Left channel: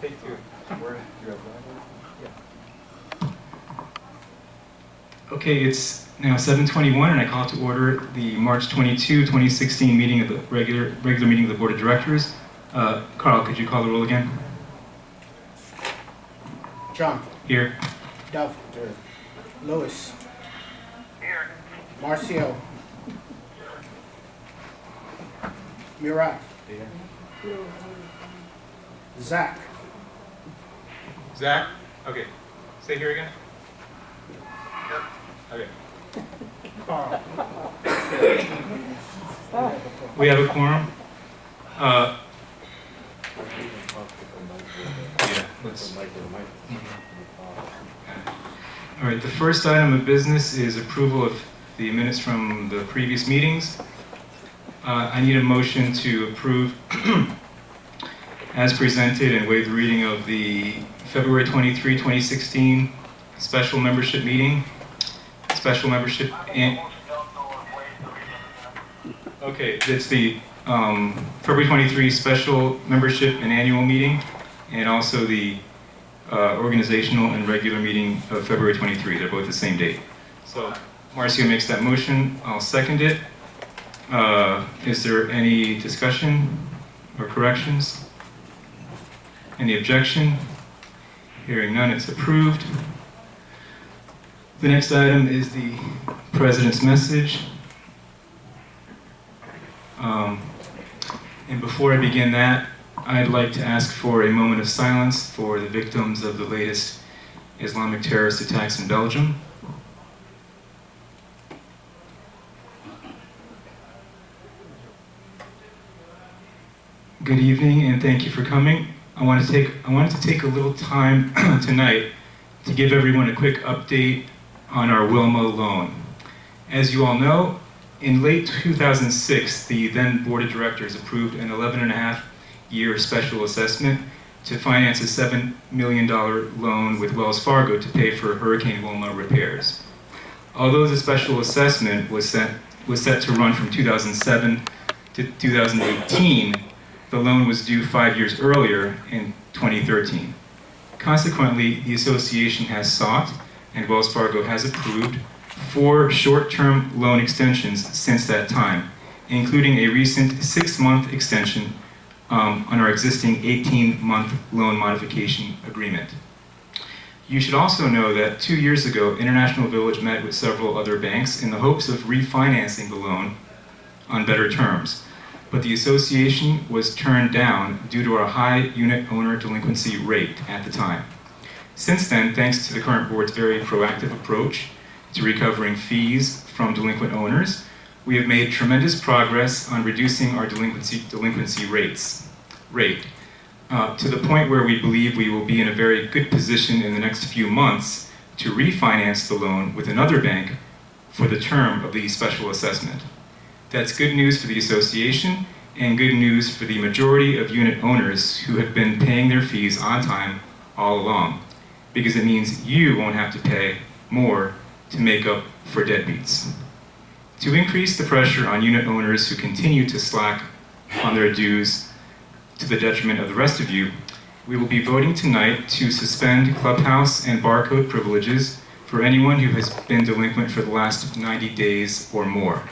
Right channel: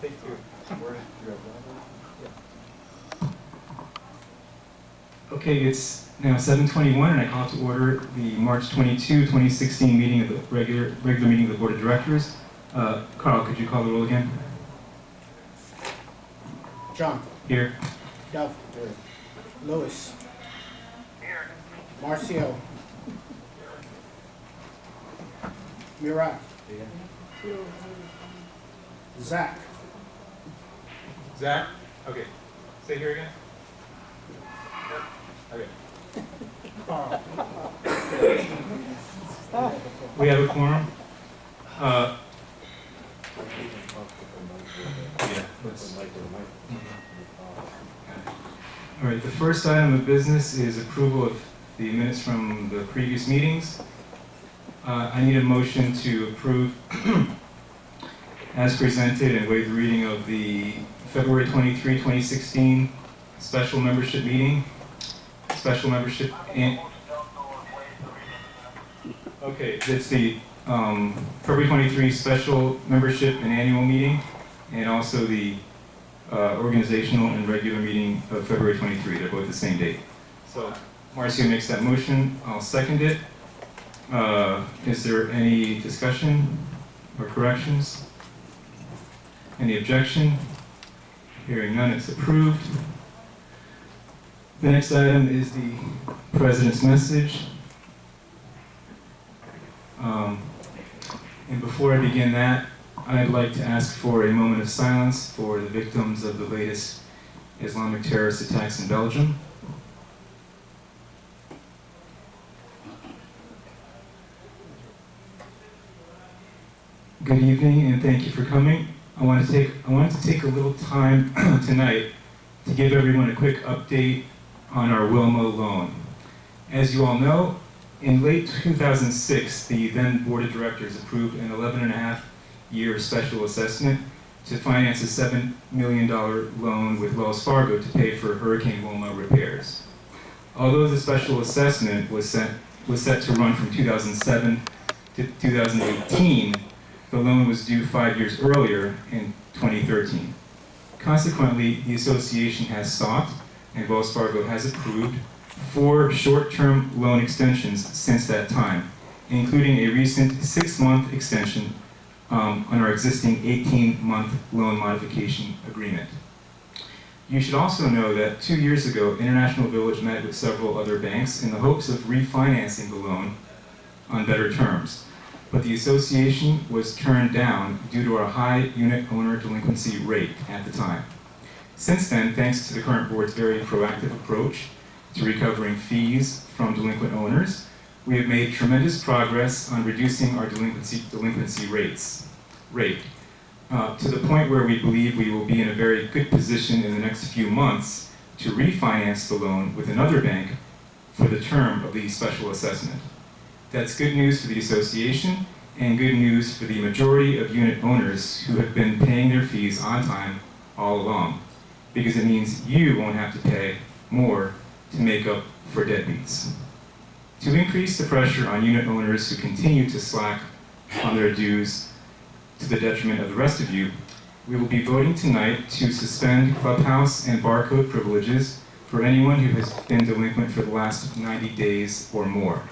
Take two. Where do you have one? Yeah. Okay, it's now 7:21, and I call to order the March 22, 2016 meeting of the regular meeting of the Board of Directors. Carl, could you call the roll again? John. Here. Dove. Here. Lewis. Here. Marcio. Murat. Here. Zach. Zach? Okay. Say here again. Okay. Carl. We have a quorum. Yeah, let's. All right, the first item of business is approval of the minutes from the previous meetings. I need a motion to approve as presented and waive the reading of the February 23, 2016 special membership meeting. Special membership and okay, it's the February 23 special membership and annual meeting, and also the organizational and regular meeting of February 23. They're both the same date. So Marcio makes that motion. I'll second it. Is there any discussion or corrections? Any objection? Hearing none, it's approved. The next item is the President's message. And before I begin that, I'd like to ask for a moment of silence for the victims of the latest Islamic terrorist attacks in Belgium. Good evening, and thank you for coming. I wanted to take a little time tonight to give everyone a quick update on our Wilma loan. As you all know, in late 2006, the then Board of Directors approved an 11.5-year special assessment to finance a $7 million loan with Wells Fargo to pay for Hurricane Wilma repairs. Although the special assessment was set to run from 2007 to 2018, the loan was due 5 years earlier in 2013. Consequently, the association has sought, and Wells Fargo has approved, 4 short-term loan extensions since that time, including a recent 6-month extension on our existing 18-month loan modification agreement. You should also know that 2 years ago, International Village met with several other banks in the hopes of refinancing the loan on better terms, but the association was turned down due to our high unit owner delinquency rate at the time. Since then, thanks to the current board's very proactive approach to recovering fees from delinquent owners, we have made tremendous progress on reducing our delinquency rate to the point where we believe we will be in a very good position in the next few months to refinance the loan with another bank for the term of the special assessment. That's good news for the association and good news for the majority of unit owners who have been paying their fees on time all along, because it means you won't have to pay more to make up for deadbeats. To increase the pressure on unit owners who continue to slack on their dues to the detriment of the rest of you, we will be voting tonight to suspend clubhouse and barcode privileges for anyone who has been delinquent for the last 90 days or more.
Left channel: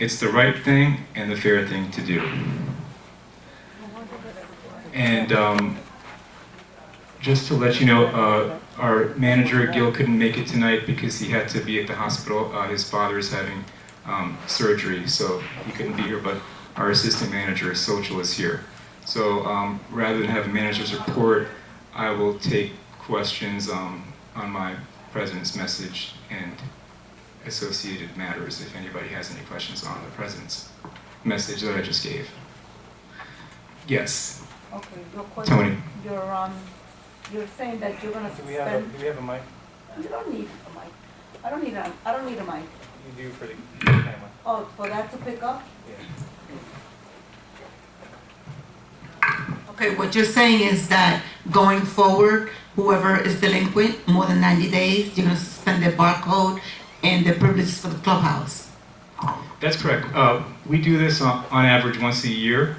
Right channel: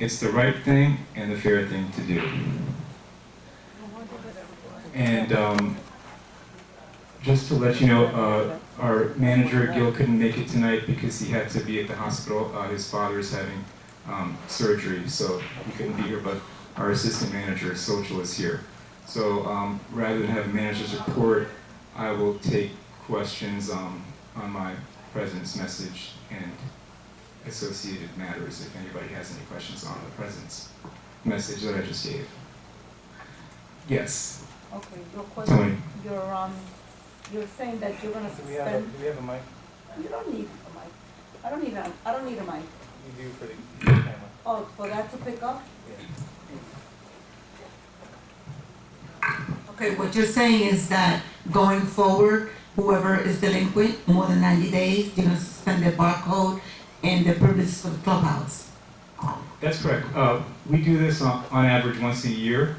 It's the right thing and the fair thing to do. And just to let you know, our manager, Gil, couldn't make it tonight because he had to be at the hospital. His father is having surgery, so he couldn't be here, but our assistant manager, Social, is here. So rather than have a manager's report, I will take questions on my president's message and associated matters if anybody has any questions on the president's message that I just gave. Yes. Okay, your question. Tony. You're saying that you're gonna Do we suspend. have a mic? You don't need a mic. I don't need a mic. You do for the camera. Oh, for that to pick up? Yeah. Okay, what you're saying is that going forward, whoever is delinquent more than 90 days, you're gonna suspend their barcode and their privileges for the clubhouse. That's correct. We do this on average once a year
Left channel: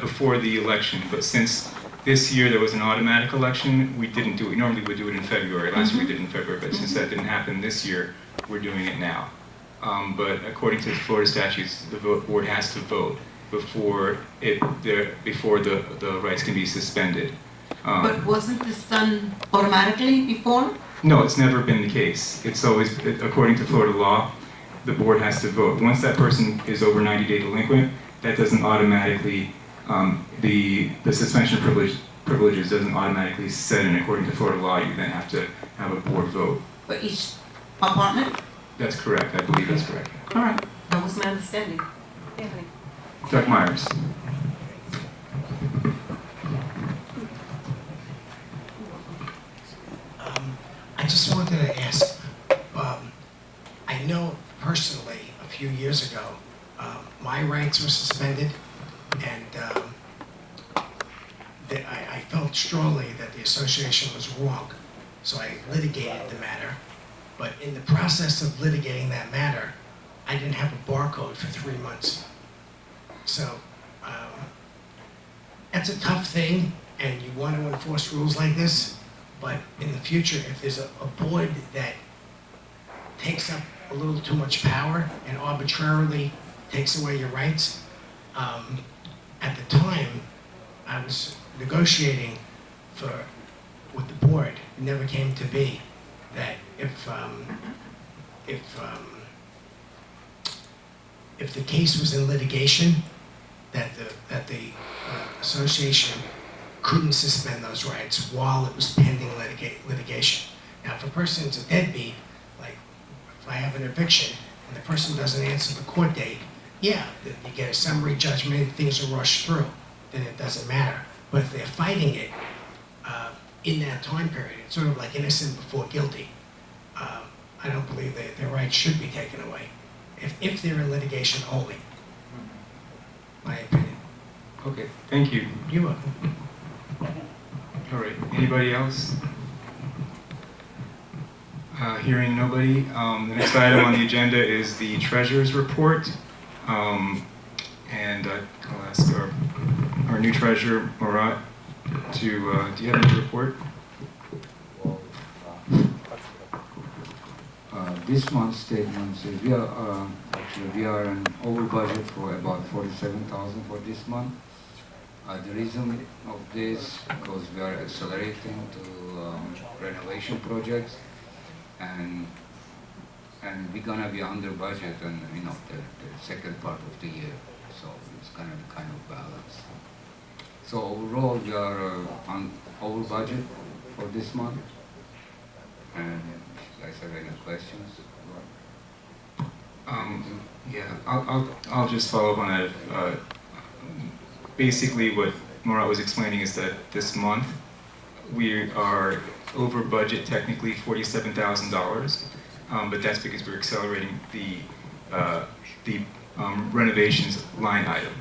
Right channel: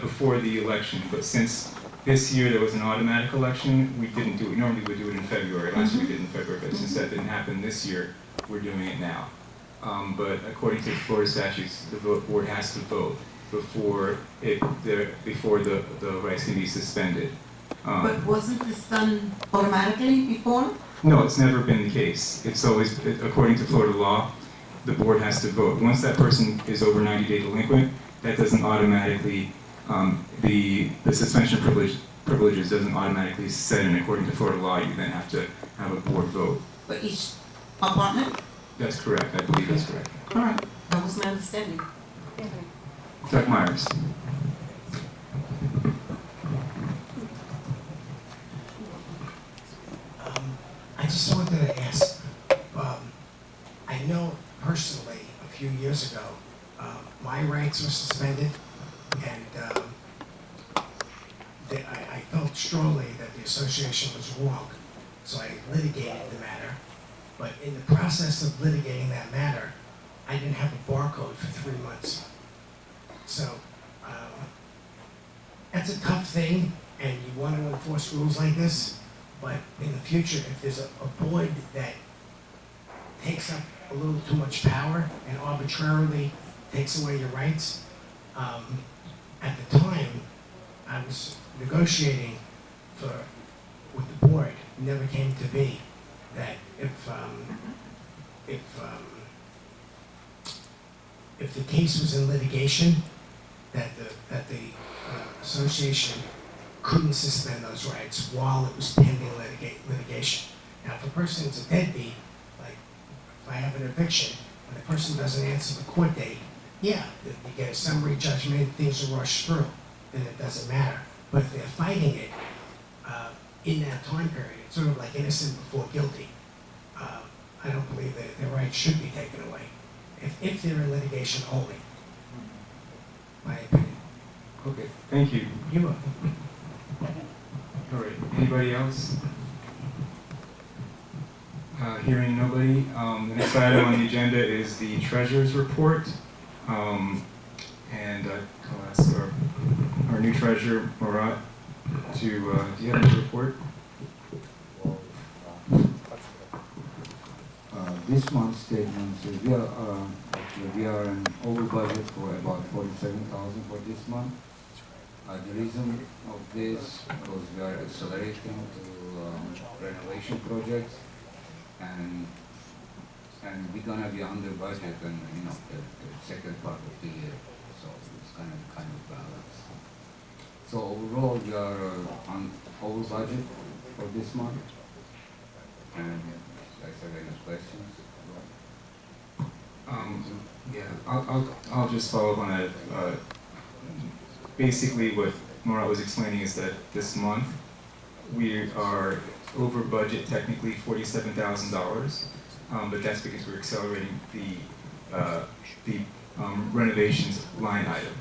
before the election, but since This year, there was an automatic election. We didn't do it. Normally, we do it in February. Last year, we did it in February, but since that didn't happen this year, we're doing it now. But according to the Florida statutes, the board has to vote before the rights can be suspended. But wasn't this done automatically before? No, it's never been the case. It's always, according to Florida law, the board has to vote. Once that person is over 90-day delinquent, that doesn't automatically, the suspension of privileges doesn't automatically set in. According to Florida law, you then have to have a board vote. For each apartment? That's correct. I believe that's correct. All right, that was my understanding. Anthony. Doug Myers. I just wanted to ask, I know personally, a few years ago, my rights were suspended, and I felt strongly that the association was wrong, so I litigated the matter. But in the process of litigating that matter, I didn't have a barcode for 3 months. So that's a tough thing, and you want to enforce rules like this. But in the future, if there's a board that takes up a little too much power and arbitrarily takes away your rights, at the time, I was negotiating with the board. It never came to be that if the case was in litigation, that the association couldn't suspend those rights while it was pending litigation. Now, if a person's a deadbeat, like if I have an eviction and the person doesn't answer the court date, yeah, you get a summary judgment, things are rushed through, then it doesn't matter. But if they're fighting it in that time period, it's sort of like innocent before guilty. I don't believe that their rights should be taken away if they're in litigation only. My opinion. Okay, thank you. You are. All right, anybody else? Hearing nobody, the next item on the agenda is the treasurer's report. And I'll ask our new treasurer, Murat, do you have a report? This month's statement says we are an over budget for about 47,000 for this month. The reason of this because we are accelerating to renovation projects, and we're gonna be under budget and the second part of the year, so it's kind of balance. So overall we are on over budget for this month. And if you guys have any questions? Yeah, I'll just follow up on that. Basically, what Murat was explaining is that this month we are over budget, technically $47,000, but that's because we're accelerating the renovations line item.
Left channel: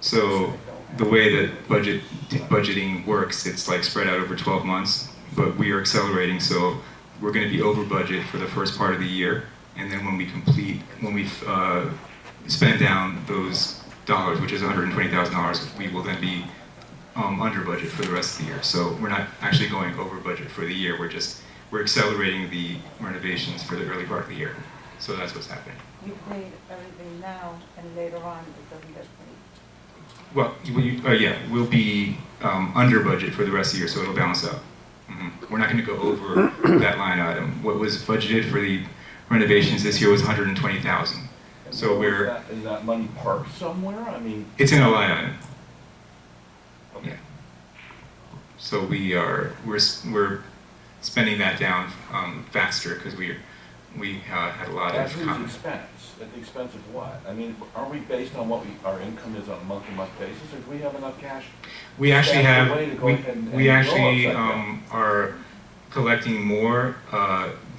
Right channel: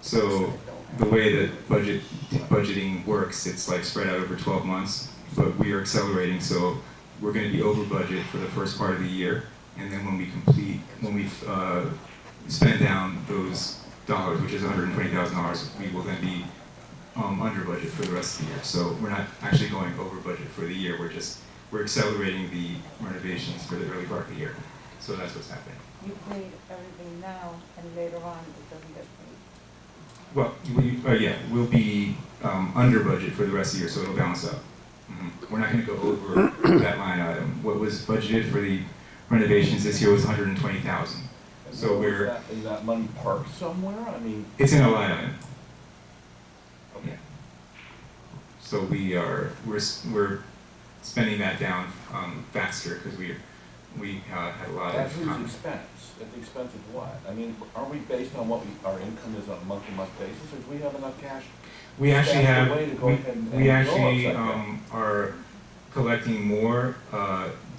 So the way that budgeting works, it's like spread out over 12 months, but we are accelerating, so we're going to be over budget for the first part of the year, and then when we spend down those dollars, which is $120,000, we will then be under budget for the rest of the year. So we're not actually going over budget for the year. We're accelerating the renovations for the early part of the year. So that's what's happening. You paid everything now, and later on it doesn't get paid. Well, yeah, we'll be under budget for the rest of the year, so it'll balance out. We're not going to go over that line item. What was budgeted for the renovations this year was $120,000. So is that money parked somewhere? I mean, it's in a line item. okay. Yeah. So we're spending that down faster because we had a lot That's of whose expense? At the expense of what? I mean, are we based on what our income is on a month-to-month basis, or do we have enough cash? We actually Stashed have, away to go ahead and we blow actually upside down? are collecting more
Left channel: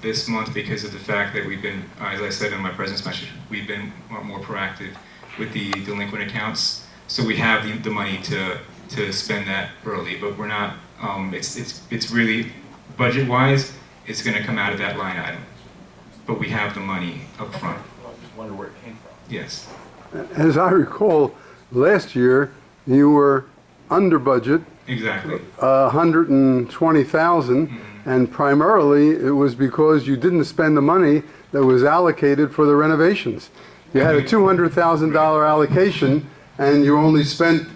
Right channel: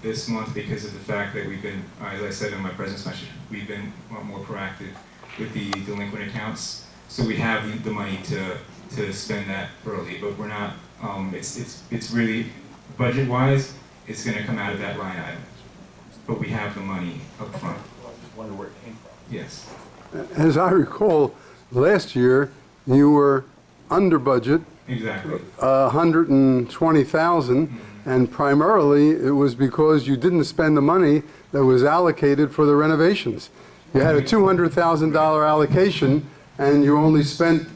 this month because of the fact that we've been, as I said in my president's message, we've been more proactive with the delinquent accounts. So we have the money to spend that early, but we're not, it's really, budget-wise, it's gonna come out of that line item. But we have the money up front. I just wonder where it came from. Yes. As I recall, last year you were under budget Exactly. 120,000, and primarily it was because you didn't spend the money that was allocated for the renovations. You had a $200,000 allocation, and you only spent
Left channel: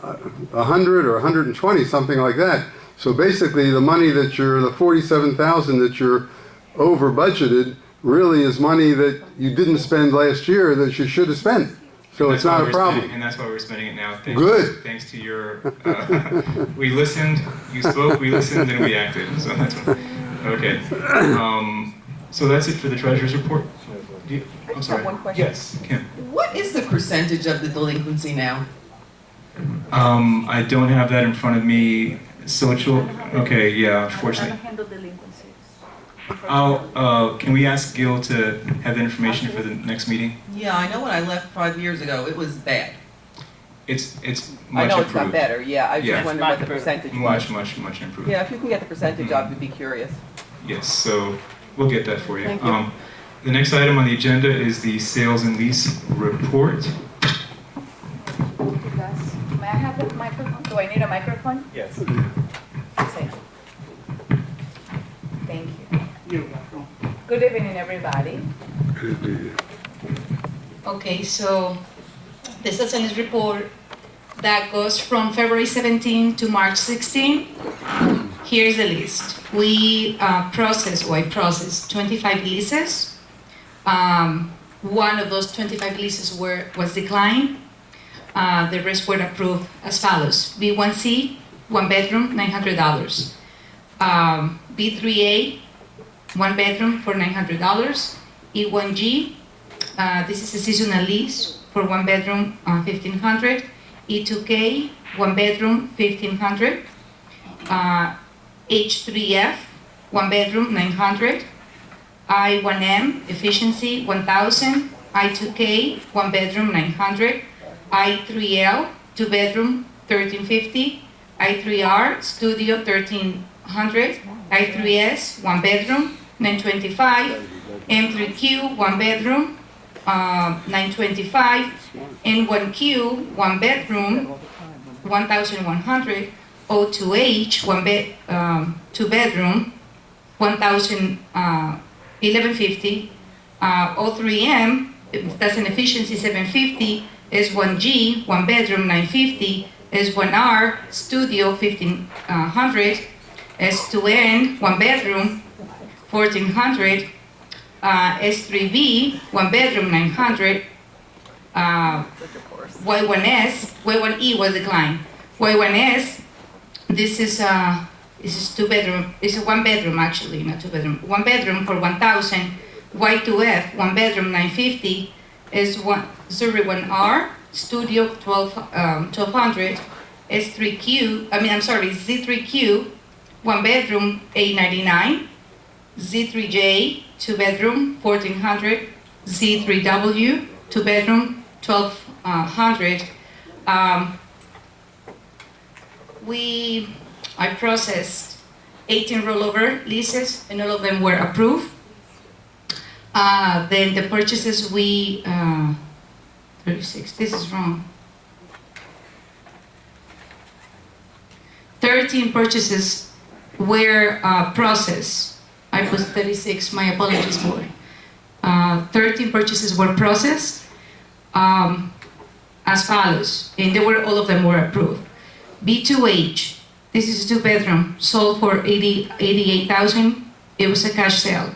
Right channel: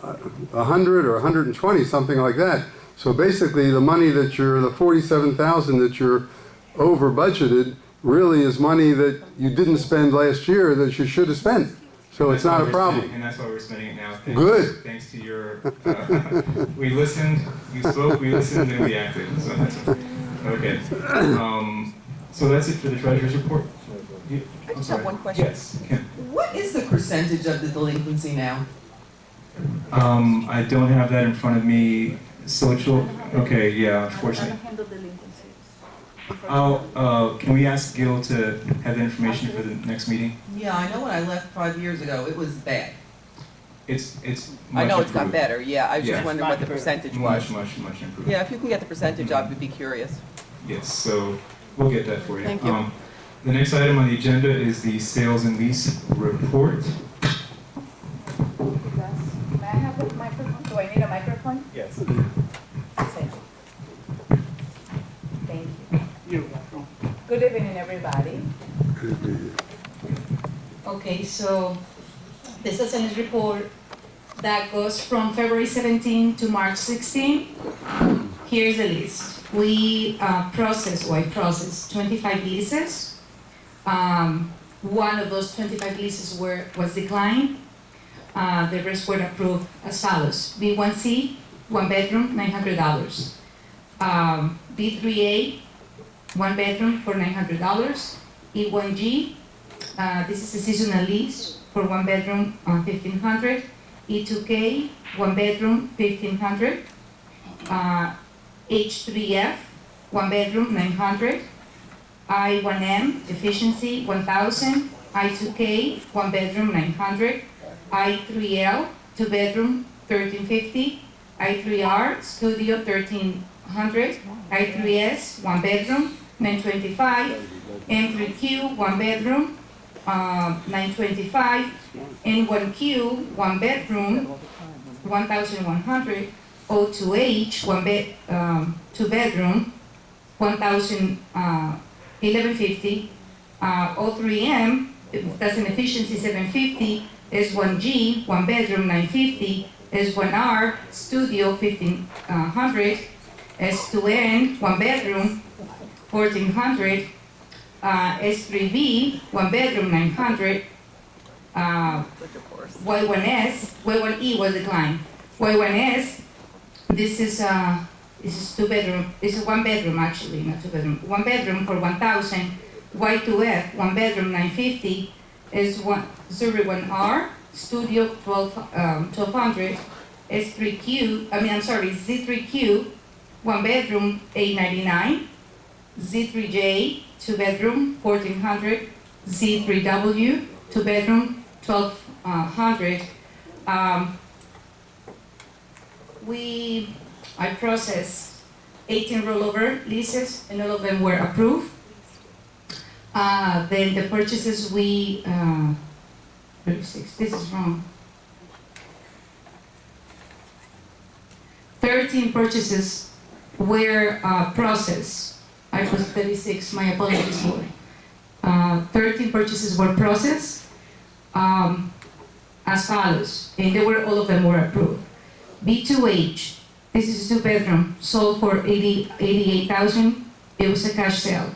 100 or 120, something like that. So basically, the money that the 47,000 that you're over budgeted really is money that you didn't spend last year that you should have spent. So it's not a problem. And that's why we're spending it now. Good. Thanks to your, we listened, you spoke, we listened, and we acted. So that's okay. So that's it for the treasurer's report. I just have one question. Yes, Kim. What is the percentage of the delinquency now? I don't have that in front of me. Social, okay, yeah, I don't unfortunately. handle delinquencies. Can we ask Gil to have the information for the next meeting? Yeah, I know when I left 5 years ago, it was bad. It's much I know it's got improved. better, yeah, I was Yeah. just wondering what the percentage was. Much improved. Yeah, if you can get the percentage, I would be curious. Yes, so we'll get that for you. Thank you. The next item on the agenda is the sales and lease report. May I have a microphone? Do I need a microphone? Yes. Thank you. You're welcome. Good evening, everybody. Okay, so this is a report that goes from February 17 to March 16. Here's the list. I processed 25 leases. One of those 25 leases was declined. The rest were approved as follows. B1C, 1 bedroom, $900. B3A, 1 bedroom for $900. E1G, this is a seasonal lease for 1 bedroom, $1,500. E2K, 1 bedroom, $1,500. H3F, 1 bedroom, $900. I1M, efficiency, $1,000. I2K, 1 bedroom, $900. I3L, 2 bedroom, $1,350. I3R, studio, $1,300. I3S, 1 bedroom, $925. M3Q, 1 bedroom, $925. N1Q, 1 bedroom, $1,100. O2H, 2 bedroom, $1,150. O3M, that's an efficiency, $750. S1G, 1 bedroom, $950. S1R, studio, $1,500. S2N, 1 bedroom, $1,400. S3B, 1 bedroom, $900. Y1E was declined. Y1S, this is 2 bedroom. It's a 1 bedroom actually, not 2 bedroom. 1 bedroom for $1,000. Y2F, 1 bedroom, $950. S1R, studio, $1,200. Z3Q, 1 bedroom, $899. Z3J, 2 bedroom, $1,400. Z3W, 2 bedroom, $1,200. I processed 18 rollover leases, and all of them were approved. Then the purchases 36, this is wrong. 13 purchases were processed. I put 36, my apologies for. 13 purchases were processed as follows, and all of them were approved. B2H, this is a 2 bedroom, sold for $88,000. It was a cash sale.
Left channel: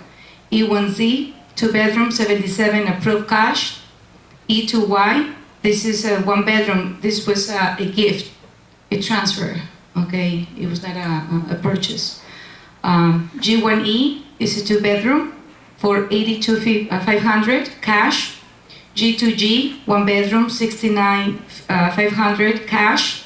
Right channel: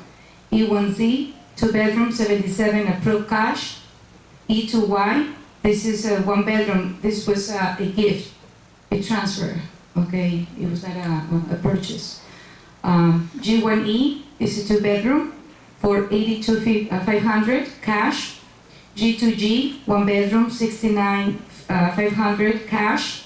E1Z, 2 bedroom, $77,000, approved cash. E2Y, this is a 1 bedroom. This was a gift, a transfer. Okay, it was not a purchase. G1E is a 2 bedroom for $82,500 cash. G2G, 1 bedroom, $69,500 cash.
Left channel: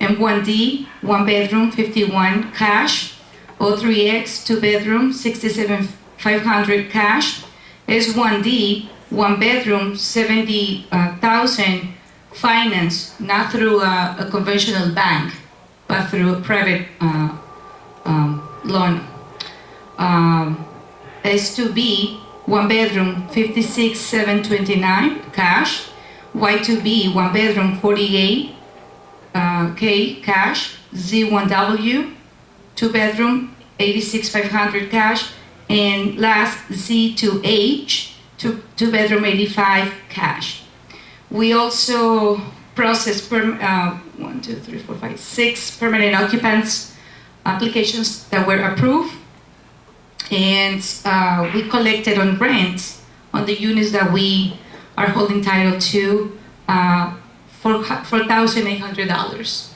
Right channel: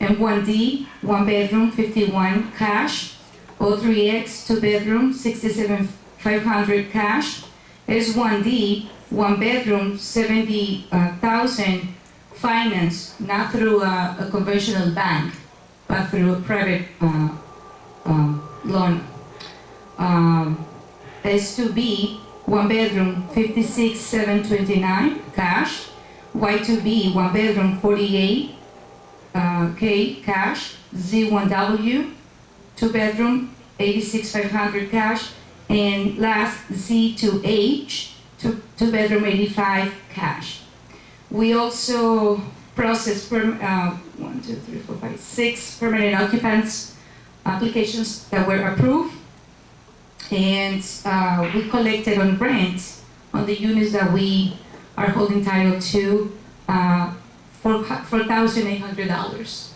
M1D, 1 bedroom, $51,000 cash. O3X, 2 bedroom, $67,500 cash. S1D, 1 bedroom, $70,000 finance, not through a conventional bank, but through a private loan. S2B, 1 bedroom, $56,729 cash. Y2B, 1 bedroom, $48,000 cash. Z1W, 2-bedroom, 86,500 cash, and last Z2H, 2-bedroom, 85 cash. We also processed 6 permanent occupants applications that were approved, and we collected on rent on the units that we are holding title to $4,800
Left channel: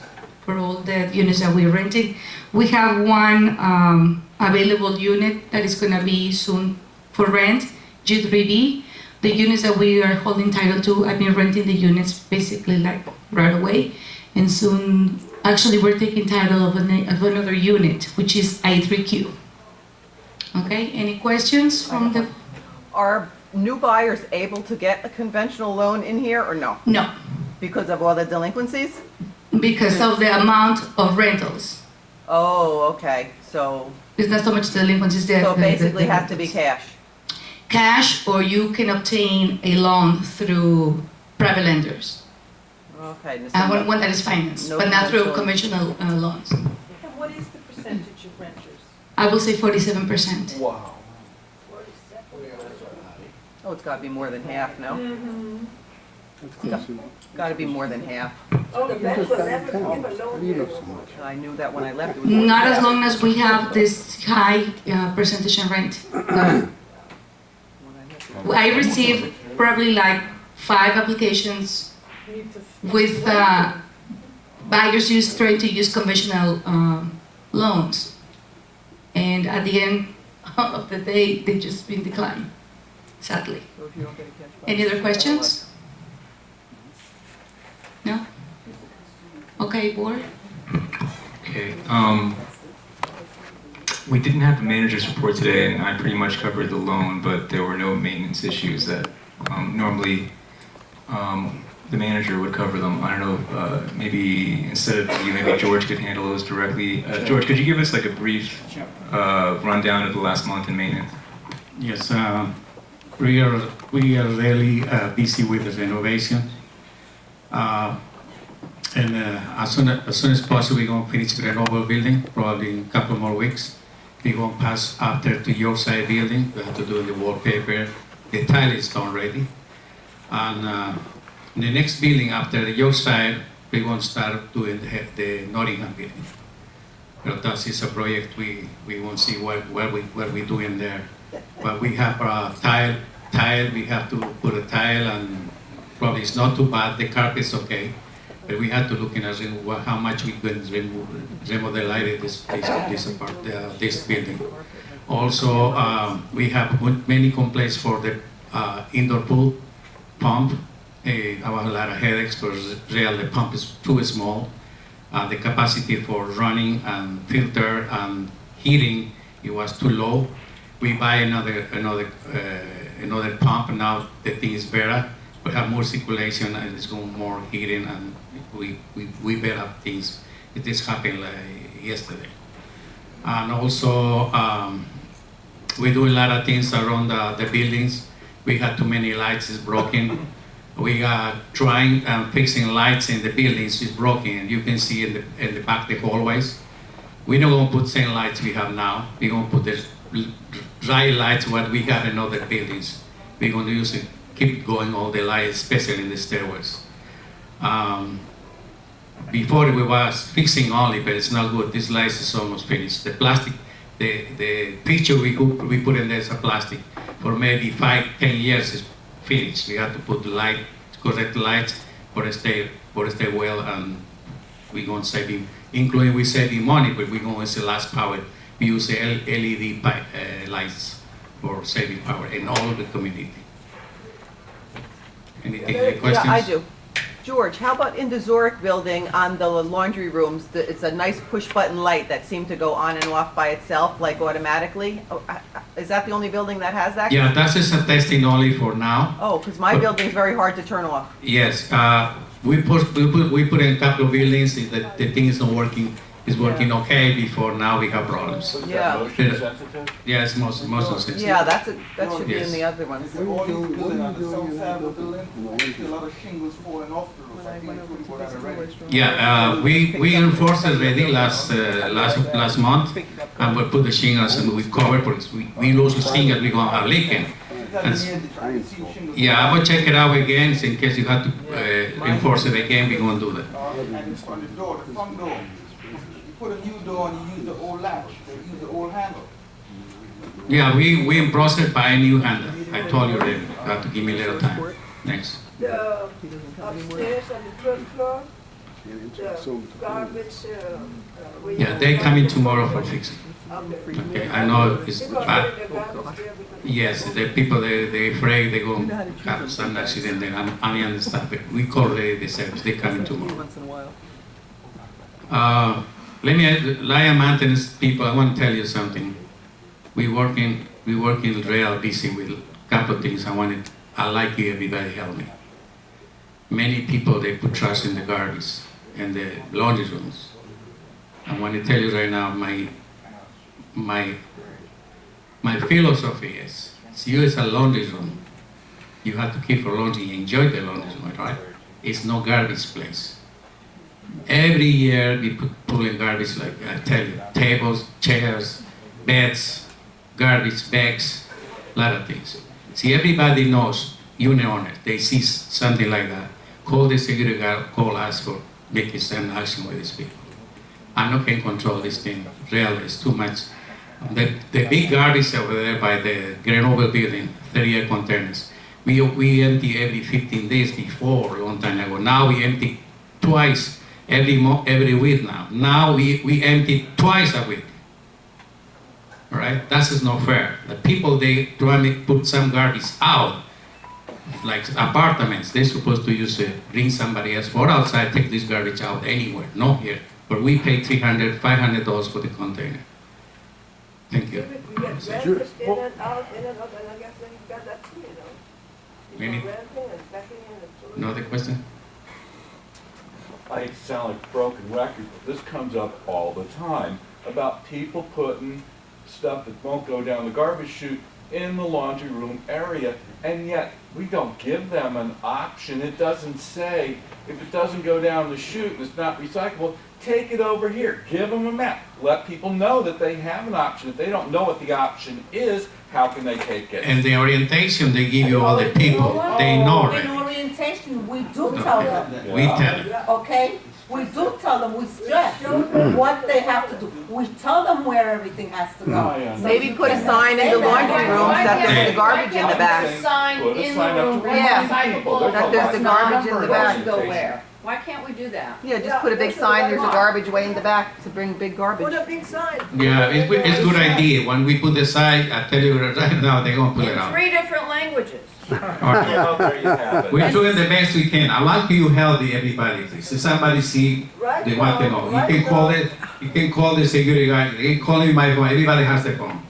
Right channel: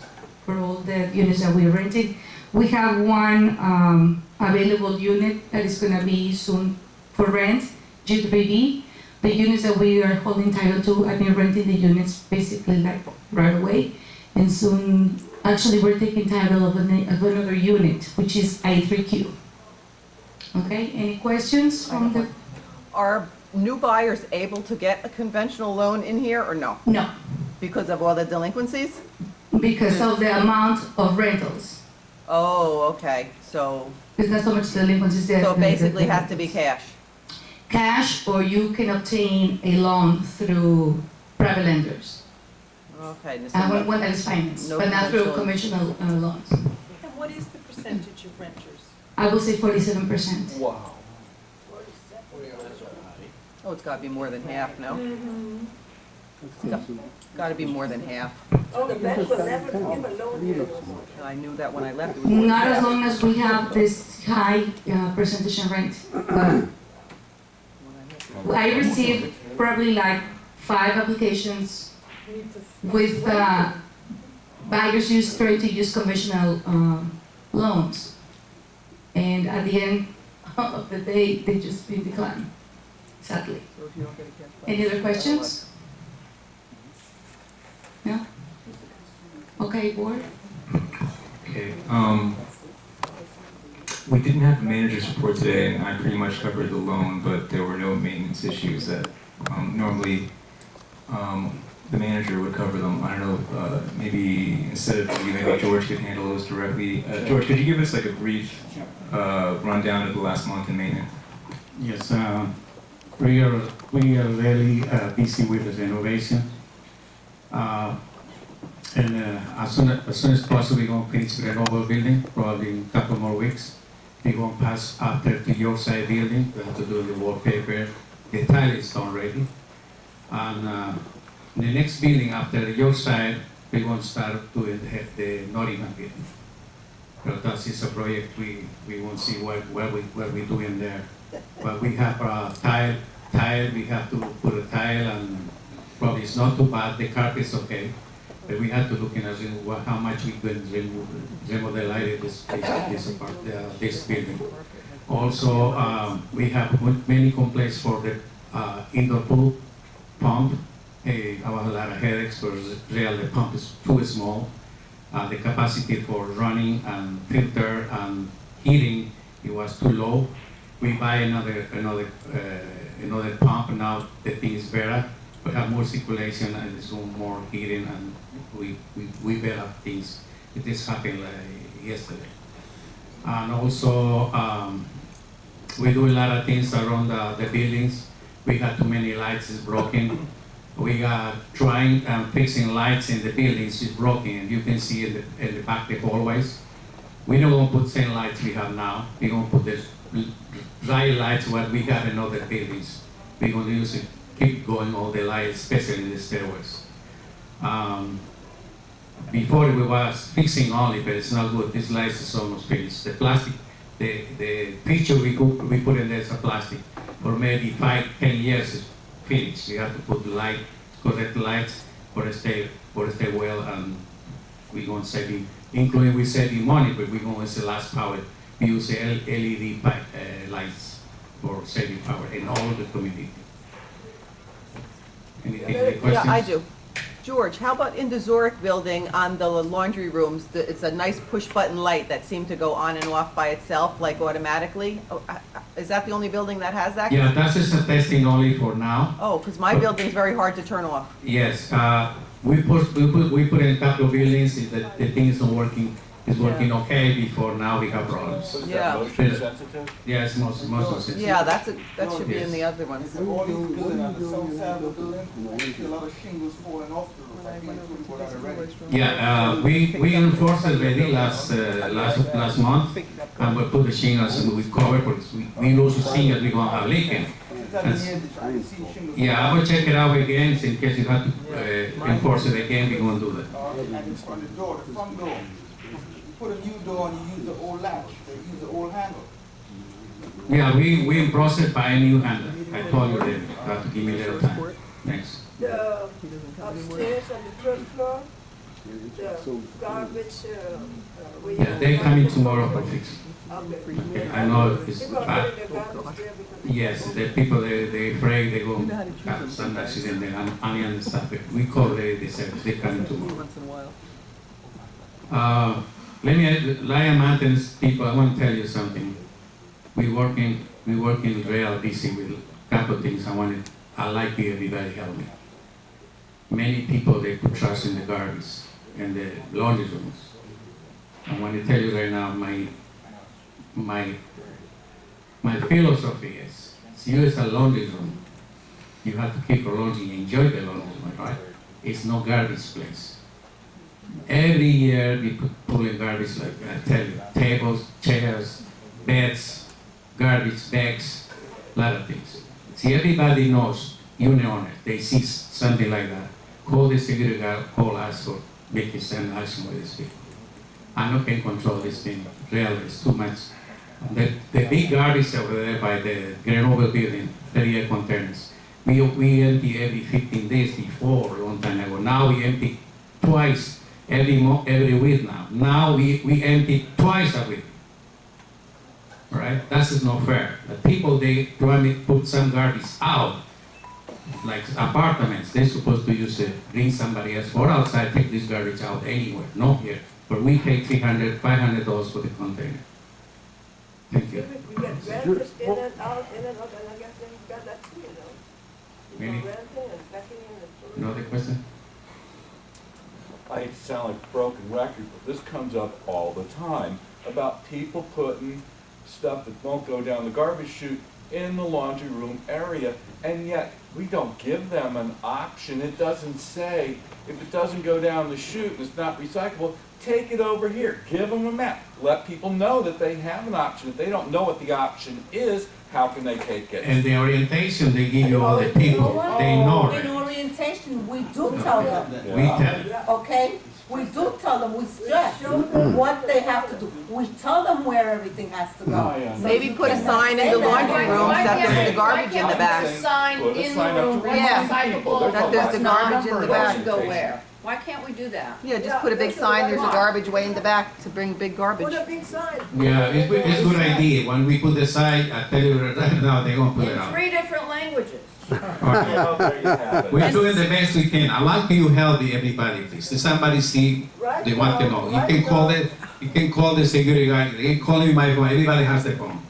for all the units that we're renting. We have one available unit that is going to be soon for rent, G3B. The units that we are holding title to, I've been renting the units basically like right away, and soon, actually we're taking title of another unit, which is I3Q. Okay, any questions from the? Are new buyers able to get a conventional loan in here or no? No, Because of all the delinquencies? because of the amount of rentals. Oh, okay, so, It's not so much delinquencies there. so it basically has to be cash. Cash, or you can obtain a loan through private lenders. Okay. One that is financed, No but not through conventional. conventional loans. And what is the percentage of renters? I will say 47%. Wow. Oh, it's gotta be more than half, no? Gotta be more than half. Oh, the bank will never give a loan. I knew that when I left. It was Not as long as we have this high percentage in rent. I received probably like 5 applications with buyers trying to use conventional loans. And at the end of the day, they just been declined, sadly. So if you don't get a cash buy- Any other questions? No? Okay, board? Okay, we didn't have the manager's report today, and I pretty much covered the loan, but there were no maintenance issues that normally the manager would cover them. I don't know, maybe instead of you, maybe George could handle those directly. George, could you give us like a brief rundown of the last month in maintenance? Yes, we are really busy with the renovation. And as soon as possible, we're going to finish the Renewable building, probably in a couple more weeks. We're going to pass after to Yorkside building. We have to do the wallpaper. The tile is done already. And the next building after the Yorkside, we're going to start doing the Nottingham building. But that is a project we won't see what we're doing there. But we have a tile, we have to put a tile, and probably it's not too bad. The carpet's okay. But we had to look in how much we could remodel this building. Also, we have many complaints for the indoor pool pump. I have a lot of headaches because the pump is too small. The capacity for running and filter and heating, it was too low. We buy another pump, and now the thing is better. We have more circulation and it's going more heating, and we better things. It just happened like yesterday. And also, we do a lot of things around the buildings. We had too many lights, it's broken. We are trying and fixing lights in the buildings, it's broken. And you can see in the back the hallways. We're not going to put same lights we have now. We're going to put the dry lights what we have in other buildings. We're going to use it. Keep going all the lights, especially in the stairways. Before we was fixing only, but it's not good. This light is almost finished. The plastic, the picture we put in there is a plastic. For maybe 5-10 years is finished. We have to put the light, correct lights for stay well, and we're going to save, including we saving money, but we're going to use the last power. We use the LED lights for saving power in all of the community. Any questions? Yeah, I do. George, how about in the Zurich building on the laundry rooms? It's a nice push-button light that seemed to go on and off by itself, like automatically. Oh, is that the only building that has that? Yeah, that's just a testing only for now. Oh, because my building's very hard to turn off. Yes, we put in a couple of buildings, the thing is not working It's working okay. Before now we have problems. So is Yeah. that motion sensitive? Yeah, it's most sensitive. Yeah, that should be in Yes. the other ones. All these buildings on the south side of the building, I see a lot of shingles falling off the roof. I think it's put out already. Yeah, we enforced already last month, and we put the shingles and we cover, because we lose the shingles, we gonna have leaking. Yeah, I will check it out again, in case you have to enforce it again, we gonna do that. And it's on the door, the front door. You put a new door and you use the old latch, you use the old handle. Yeah, we in process buy a new handle. I told you that, you have to give me a little time. Next. The upstairs on the third floor, the garbage, where you- Yeah, they're coming tomorrow for fixing. Okay. Okay, I know it's They're gonna bad. put the garbage there because. Yes, the people, they afraid they go have some accident, and I understand, but we call the service, they coming tomorrow. Once in a while. Let me, Lion Maintenance people, I want to tell you something. We working real busy with a couple of things. I like you, everybody help me. Many people, they put trash in the garbage and the laundry rooms. I want to tell you right now, my philosophy is, you as a laundry room, you have to keep your laundry, enjoy the laundry room, right? It's no garbage place. Every year we pull in garbage, like I tell you, tables, chairs, beds, garbage bags, a lot of things. See, everybody knows, unit owners, they see something like that, call the security guard, call us for making some action with these people. I'm not going to control this thing, really, it's too much. The big garbage over there by the Grenoble building, 30-year containers, we empty every 15 days before, a long time ago. Now we empty twice every week now. Now we empty twice a week. All right, that is not fair. The people, they try to put some garbage out, like apartments, they're supposed to use it, bring somebody else or outside, take this garbage out anywhere, not here. But we pay $300, $500 for the container. Thank you. We get renters in and out, and I guess then you've got that too, you know. You Any- go renting and backing in and. Another question? I hate to sound like a broken record, but this comes up all the time about people putting stuff that won't go down the garbage chute in the laundry room area, and yet we don't give them an option. It doesn't say, if it doesn't go down the chute and it's not recyclable, take it over here. Give them a map. Let people know that they have an option. If they don't know what the option is, how can they take it? And the orientation they give you all the people, they know In already. orientation, we do tell them, We tell them. okay? We do tell them, we stress what they have to do. We tell them where everything has to go. Maybe put a sign in the laundry rooms that there's the garbage in the back. Sign Put a in the sign up room, to Yeah. remind people. That there's the garbage in the back. Go where? Why can't we do that? Yeah, just put a big sign, there's a garbage way in the back to bring big garbage. Put a big sign. Yeah, it's a good idea. When we put the sign, I tell you right now, they're gonna put it In out. 3 different languages. Well, there you have it. We're doing the best we can. I like you help everybody, please. If somebody see, they want to know. You can call the security guy. They can call me my phone. Everybody has the phone.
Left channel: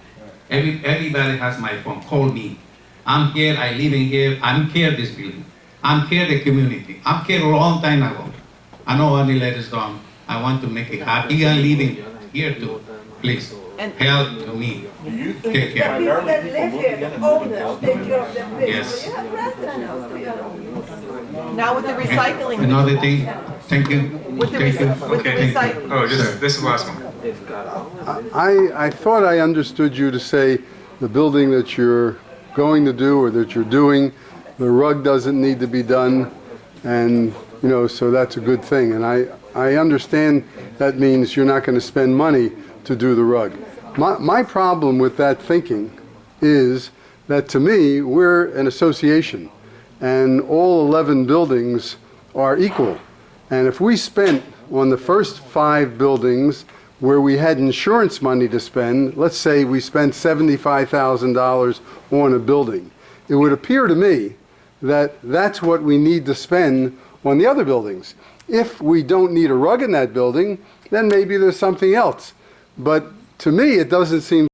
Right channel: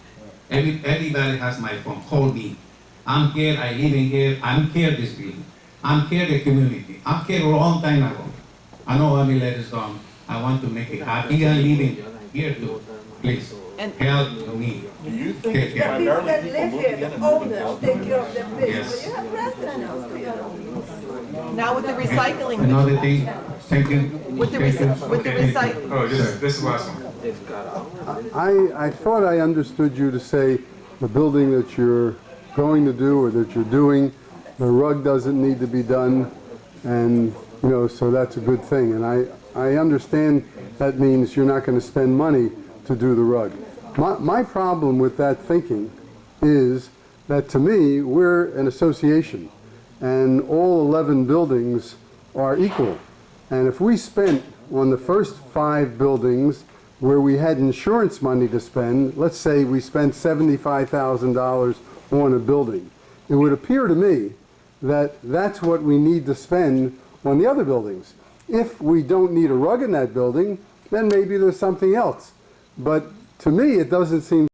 Everybody has my phone. Call me. I'm here. I live in here. I'm here this building. I'm here the community. I'm here a long time ago. I know only let us down. I want to make it happy and living here too. Please help me. Do you think Take it's care. primarily That people live moving here, in the and moving owners, out? take care of their place. Yes. But you have residents, you know. Now with the recycling, Another thing. Thank you. with the, Thank you. with the Okay, thank recycling. you. Oh, this is the last one. I thought I understood you to say the building that you're going to do or that you're doing, the rug doesn't need to be done, and, you know, so that's a good thing. And I understand that means you're not going to spend money to do the rug. My problem with that thinking is that, to me, we're an association, and all 11 buildings are equal. And if we spent on the first 5 buildings where we had insurance money to spend, let's say we spent $75,000 on a building, it would appear to me that that's what we need to spend on the other buildings. If we don't need a rug in that building, then maybe there's something else. But to me, it doesn't seem